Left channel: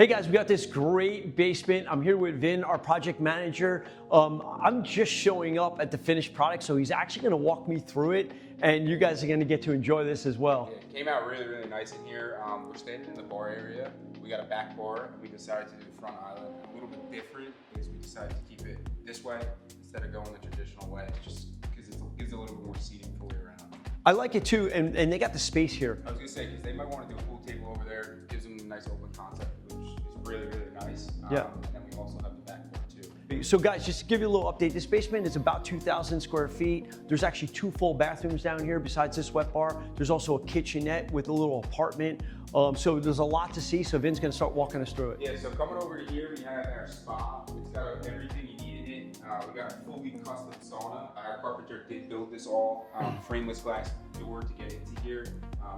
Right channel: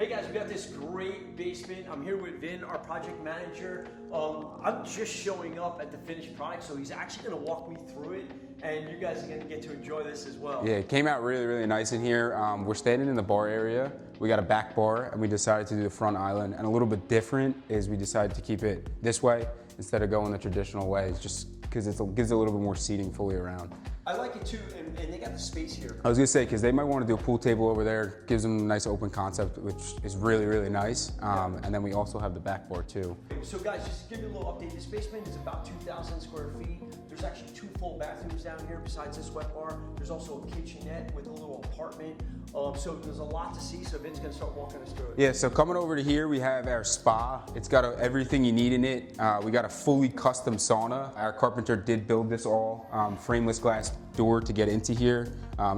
Hey guys, we got this great basement. I'm here with Vin, our project manager. I'm just showing up at the finished product, so he's actually gonna walk me through it, and you guys are gonna get to enjoy this as well. Yeah, it came out really, really nice in here. We're standing in the bar area. We got a back bar, and we decided to do the front island. And a little bit different is we decided to keep it this way instead of going the traditional way, just because it gives a little bit more seating fully around. I like it too, and they got the space here. I was gonna say, because they might want to do a pool table over there, gives them a nice open concept, which is really, really nice. And then we also have the back bar too. So guys, just to give you a little update, this basement is about 2,000 square feet. There's actually 2 full bathrooms down here besides this wet bar. There's also a kitchenette with a little apartment. So there's a lot to see, so Vin's gonna start walking us through it. Yeah, so coming over to here, we have our spa. It's got everything you need in it. We got a fully custom sauna. Our carpenter did build this all, frameless glass door to get into here.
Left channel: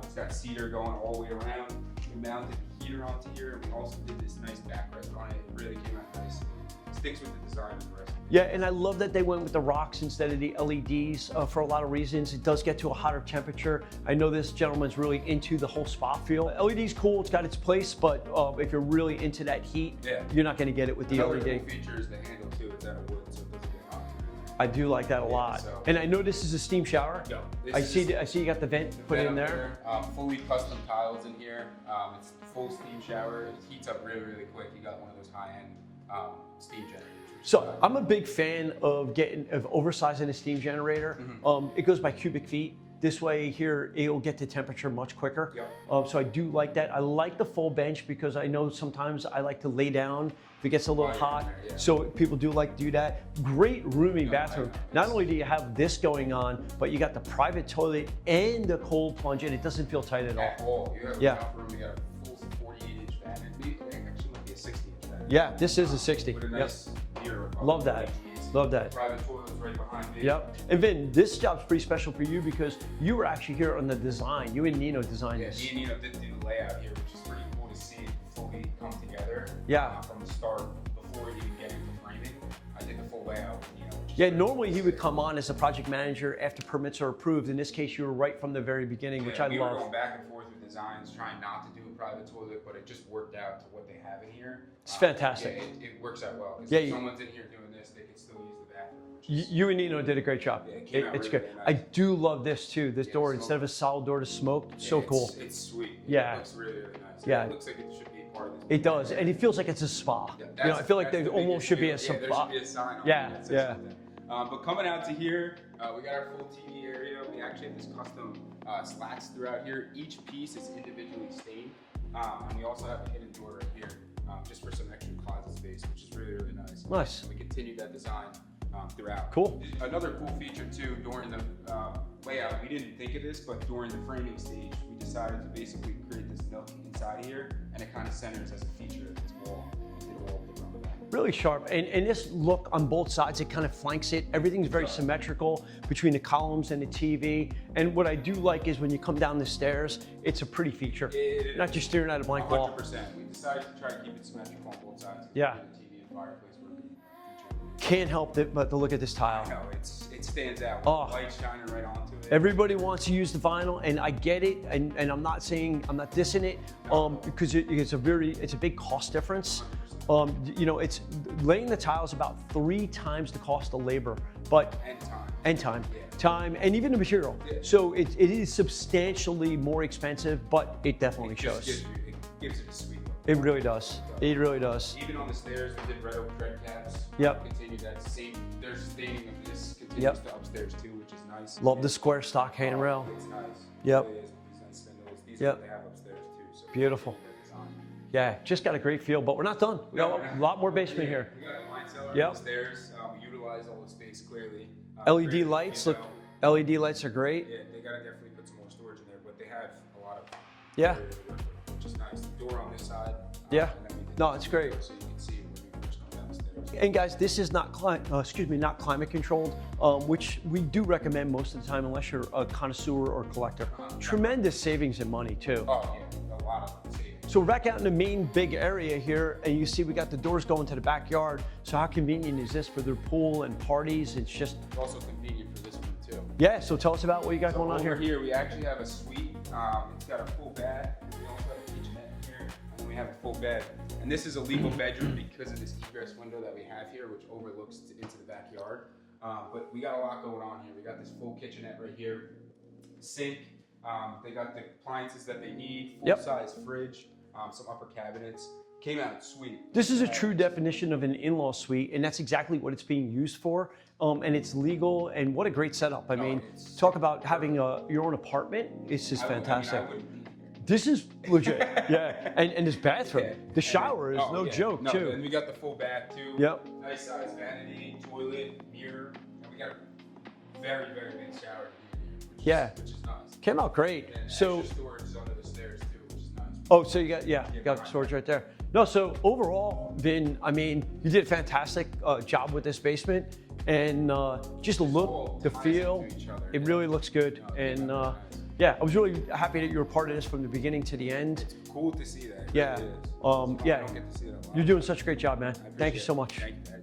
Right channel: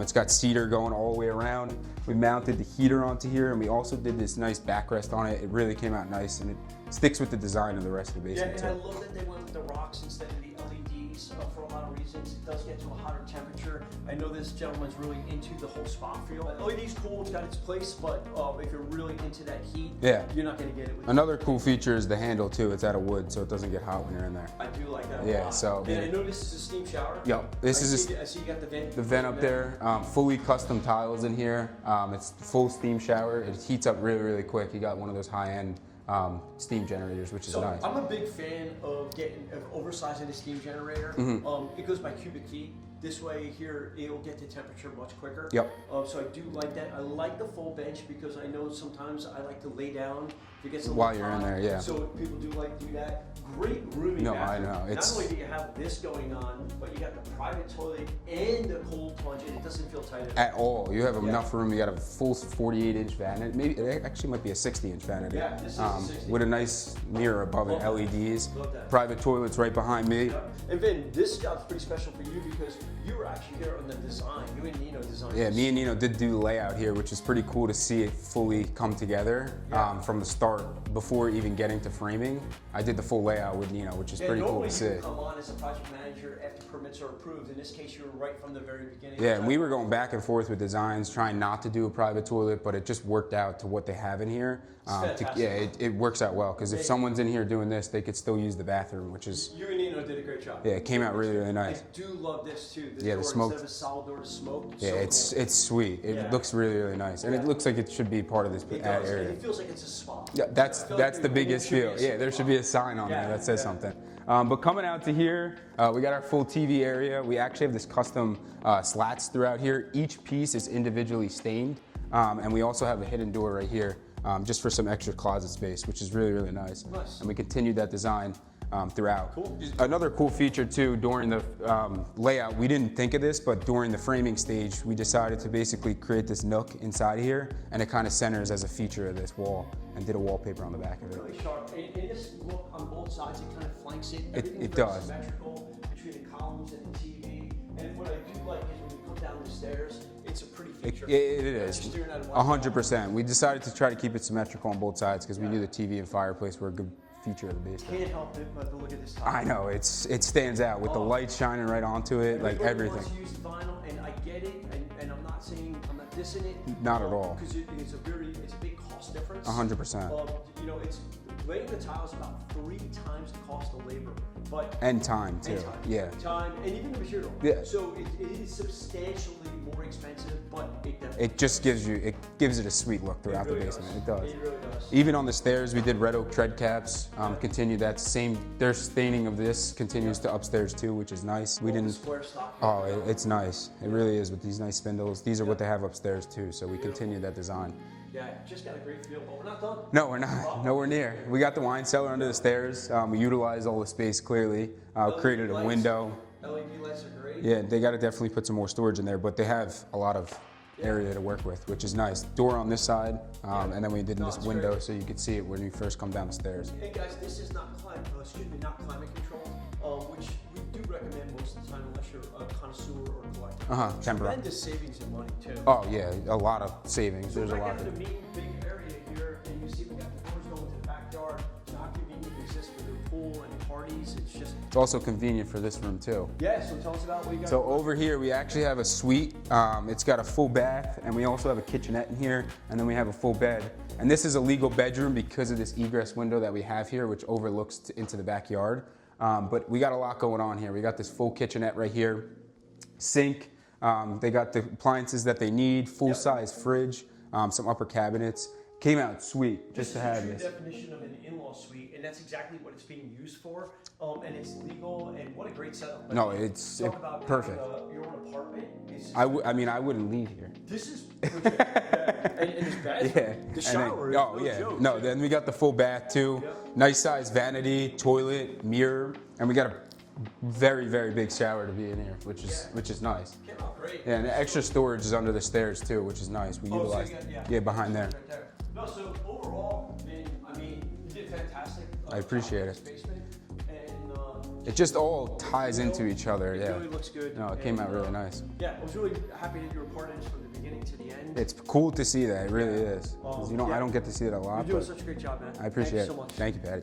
It's got cedar going all the way around. We mounted the heater onto here, and we also did this nice backrest on it. It really came out nice, and it sticks with the design of the rest of the basement. Yeah, and I love that they went with the rocks instead of the LEDs for a lot of reasons. It does get to a hotter temperature. I know this gentleman's really into the whole spa feel. LED's cool, it's got its place, but if you're really into that heat, you're not gonna get it with the Another LED. cool feature is the handle too. It's out of wood, so it doesn't get hot when you're in there. I do like that a lot. So, and I know this is a steam shower. Yep. I see you got the vent. The vent up there, fully custom tiles in here. It's full steam shower. It heats up really, really quick. You got one of those high-end steam generators, which is nice. I'm a big fan of oversizing a steam generator. It goes by cubic feet. This way here, it'll get to temperature much quicker. Yep. So I do like that. I like the full bench because I know sometimes I like to lay down if it gets a little hot. There, So people do like to do that. Great roomy bathroom. I know. Not only do you have this going on, but you got the private toilet and the cold plunge, and it doesn't feel tight at all. You have enough room. You got a full 48-inch vanity. Maybe it actually might be a 60-inch vanity. Yeah, this is a 60. With a nice mirror above it, LEDs. Love that. Private toilets right behind me. Yep. And Vin, this job's pretty special for you because you were actually here on the design. You and Nino designed this. Me and Nino did do the layout here, which is pretty cool to see it fully come together from the start. Before even getting to framing, I did the full layout with Nino, which is pretty cool. Normally he would come on as a project manager after permits are approved. In this case, you were right from the very beginning. Yeah, we were going back and forth with designs, trying not to do a private toilet, but it just worked out to what they have in here. It's fantastic. It works out well, because if someone's in here doing this, they could still use the bathroom, which is... You and Nino did a great job. Yeah, it came out really, really nice. I do love this too, this door, instead of a solid door to smoke, so cool. It's sweet. It looks really, really nice. And it looks like it should be part of this. It does, and it feels like it's a spa. Yeah, that's the biggest deal. Yeah, there should be a sign on there that says something. But coming out to here, we got our full TV area. We actually have this custom slats throughout here. Each piece is individually stained. And we also have a hidden door right here, just for some extra closet space, which is really, really nice. Nice. And we continued that design throughout. Cool. Another cool feature too, during the layout, we didn't think of this, but during the framing stage, we decided to basically create this nook inside here, and it kind of centers as a feature of this wall, and did a wallpaper on the back of it. Really sharp, and this look on both sides, it kind of flanks it. Everything's very symmetrical between the columns and the TV. And what I do like is when you come down the stairs, it's a pretty feature. It is. Not just staring at a blank wall. 100%. We decided to try to keep it symmetrical on both sides because we knew the TV and fireplace were a good feature of the basement. Can't help but to look at this tile. I know, it stands out with the light shining right onto it. Everybody wants to use the vinyl, and I get it, and I'm not dissing it. Not at all. Because it's a big cost difference. 100%. You know, it's laying the tiles about 3 times the cost of labor, but and time. And time. Yeah. Time, and even the material. Yeah. So it is substantially more expensive, but it definitely gives it a sweet look. It really does. It really does. Even on the stairs, we did red oak tread caps. Continued that same. Their staining of this continues to upstairs too, which is nice. Love the square stock handrail. It's nice. It really is with these nice spindles. These are what they have upstairs too. So we continue that design. Yeah, just got a great feel, but we're not done. No, we're not. A lot more basement here. We got the wine cellar under the stairs. We utilize all the space clearly. LED lights. LED lights are great. Yeah, they got to definitely put some more storage in there, but they have a lot of area to work with, which is nice. Door on this side, and then we did this window so you could see it when you first come down the stairs. And guys, this is not not climate controlled, which we do recommend most of the time unless you're a connoisseur or collector. Tremendous savings in money too. Oh yeah, a lot of savings. So we're back out in the main big area here, and you see we got the doors going to the backyard. So how convenient is this for their pool and parties? It's also convenient for this room too. Yeah, so tell us about what you got going on here. So over here we actually have a suite. It's got a full bed bath, and we also have a kitchenette in here, and then we have a full bed. And this is a legal bedroom because of this egress window that we have here, which overlooks into the backyard. But we got a lot going on here. We got this full kitchenette right here, sink. They got the appliances that they need, full-size fridge, some upper cabinets. Came out sweet. This is a true definition of an in-law suite, and that's exactly what it's being used for. And it's legal, and what a great setup. I mean, talk about having your own apartment. It's just fantastic. I mean, I wouldn't leave here. This is legit, yeah. And this bathroom, the shower is no joke. No, too. then we got the full bath too. Yep. Nice size vanity, toilet, mirror, and we got a very, very big shower to be in here, which is nice. Came out great. Yeah, and the extra storage is under the stairs too, which is nice. So you got you got storage right there. No, so overall, Vin, I mean, you did a fantastic job with this basement, and just all ties into each other. It really looks good. No, it came out really nice. Yeah, I was really happy that you were part of this from the beginning to the end. It's cool to see that. It really is. I don't get to see it a lot. You're doing such a great job, man. I appreciate it. Thank you so much. Thank you, Patty.